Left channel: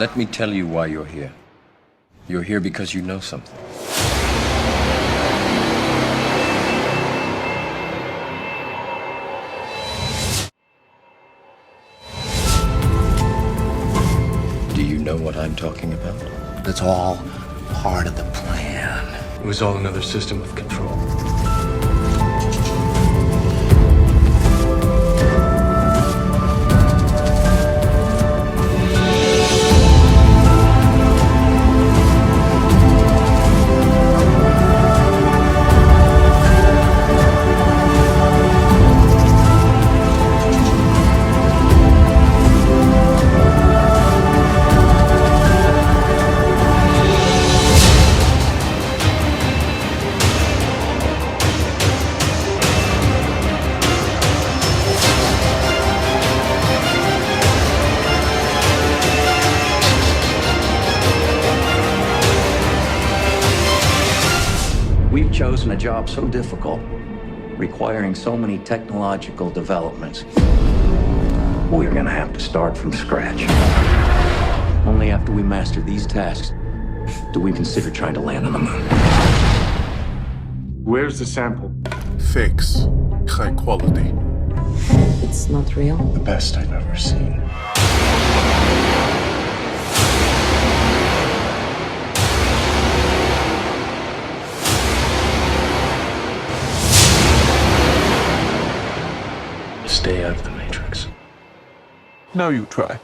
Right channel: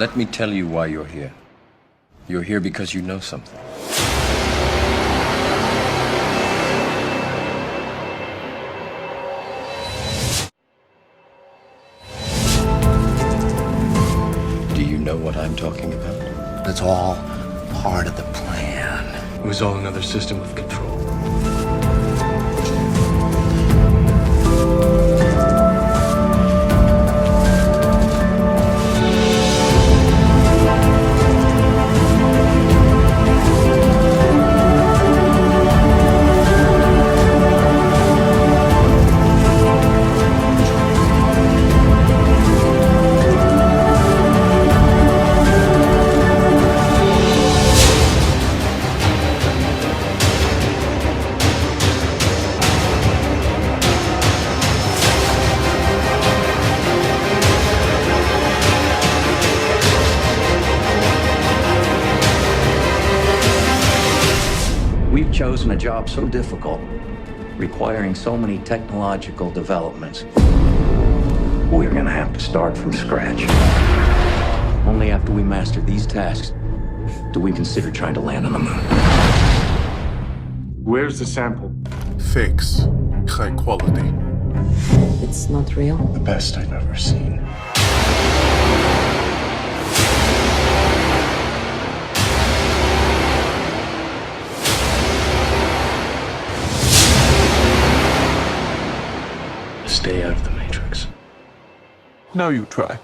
Let me tell you why you're here. You're here because you know something. Do you know what I'm talking about? It's all part of the plan. It was all another system of control. We've chosen a job so difficult, requiring so many technological developments. We're gonna have to start from scratch. Only after we master these tasks do we consider trying to land on the moon. Where's the sample? Fakes. High quality. It's not real. The best I've ever seen. Stay out of the Matrix. Now you try.